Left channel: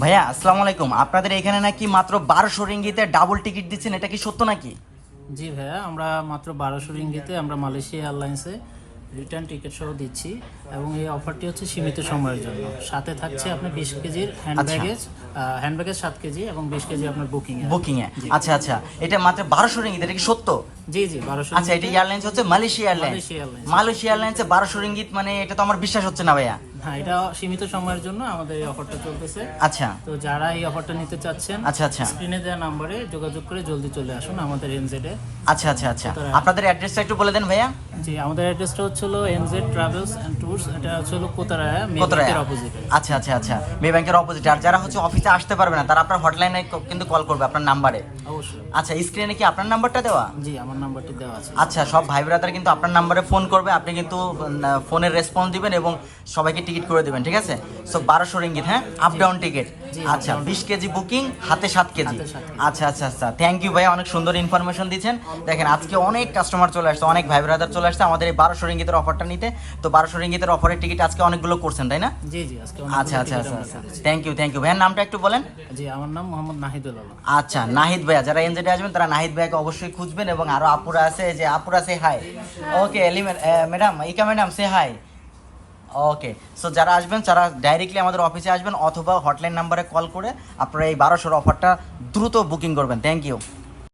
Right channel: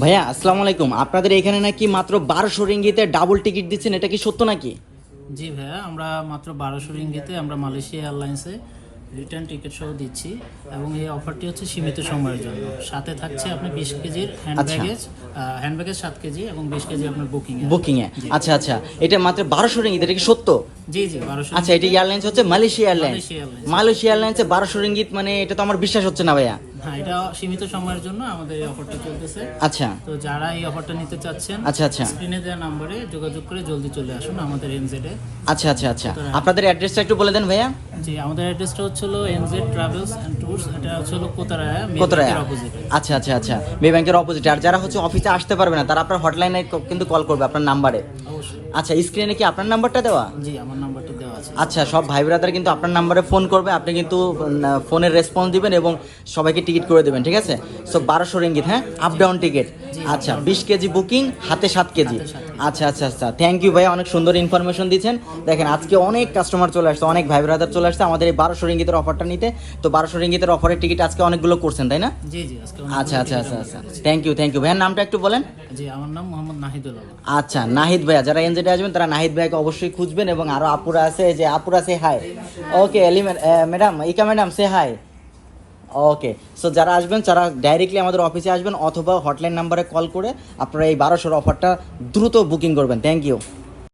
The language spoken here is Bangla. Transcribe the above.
ভাইয়া আসসালামু আলাইকুম। আপনাদের এখানে নাকি মাত্র বারোশো রিঙ্গিতে ডাবল টিকিট দিচ্ছেন এটা কি সত্য নাকি? জি ভাইয়া আমরা মাত্র বারোশো রিঙ্গিতে আমরা মালয়েশিয়া এয়ারলাইন্সে রিটার্ন টিকিট সহ দিচ্ছি এবং এই অফারটি হচ্ছে সীমিত সময়ের জন্য। সাথে থাকছে আপনি বিশ কেজির হ্যান্ড ব্যাগেজ হ্যান্ড ব্যাগেজ সাত কেজি এবং বিশ কেজি আপনার বুকিং বুকিং এ আচ্ছা আচ্ছা। এটা মাত্র বারোশো রিঙ্গিত এটা কি সত্য? জি জি বারোশো আচ্ছা এটা এয়ারলাইন্স হচ্ছে Malaysia airlines. Malaysia airlines. Malaysia এয়ারলাইন্সে বারোশো রিঙ্গিত মানে এটা তো আমার বিশ্বাস হচ্ছে না ভাইয়া। হ্যাঁ এটা সীমিত সময়ের জন্য আমাদের এই অফারটা চলতেছে। আচ্ছা। তো যারা এই অফারটা নিতে চাচ্ছেন আচ্ছা আচ্ছা। স্ক্রিনে দেওয়া নাম্বারে যোগাযোগ করে জলদি চলে আসুন আমাদের এনজেডে আচ্ছা আচ্ছা আচ্ছা। আপনাদের অ্যাড্রেসটা একটু বলে দেন ভাইয়া। জি আমাদের অ্যাড্রেসটা হচ্ছে এনজেড ট্রাভেলস অ্যান্ড ট্যুরস এটা হচ্ছে হলো কোতারায়া মে ব্যাংকের অপোজিটে আচ্ছা আচ্ছা আচ্ছা। মে ব্যাংকের অপোজিট আর যারা হচ্ছে অফিসে আসতে পারবে না তারা আপনার হটলাইনে কিন্তু কল করবে আপনার নাম্বারে অবশ্যই। আচ্ছা স্ক্রিনে কি আপনার নাম্বারটা দেওয়া? জি আমার নাম্বারটা দেওয়া আছে। আচ্ছা সব ভাই ব্রাদার কিন্তু আপনার নাম্বারে ফোন করবে। আপনি কিন্তু ফোনের রেসপন্স দিবেন এবং সবাইকে টিকিট করে দেবেন ঠিক আছে? সো বারোশো রিঙ্গিত হ্যাঁ? আপ ডাউন টিকিট আচ্ছা বিশ কেজি বুকিং হাতে সাত কেজি। আচ্ছা আচ্ছা আচ্ছা। থ্যাংক ইউ ভাই অনেক সুন্দর ইনফরমেশন দিচ্ছেন। দেখেন আজকে অনেক কাস্টমার চলে আসছে অনেক ভাই ব্রাদার চলে আসছে আমাদের এই বারোশো রিঙ্গিতের অফারটা নিতে। তো বারোশো রিঙ্গিতের অফারের টিকিট আজকে অনেকগুলো করছেন তাই না? জি জি আজকে আচ্ছা আচ্ছা আচ্ছা আচ্ছা। থ্যাংক ইউ থ্যাংক ইউ ভাইয়ের নামটা একটু বলেন। জি আমার নাম মোহাম্মদ নাহিদুল আলম। আচ্ছা নাহিদ ভাইয়া যারা এনজেডে আসবেন তারা নাহিদ ভাইকে অবশ্যই খুঁজবেন এবং আরও আপুরা আছে যে আপুরা say hi okay element madam ইকা madam say hi okay so যারা আসবেন, যারা ডাইরেক্টলি আমাদের অফিসে আসবেন, অথবা হটলাইন নাম্বারে কল করে আপনারা এই বারোশোর অফারটা দ্রুত বুকিং করবেন। Thank you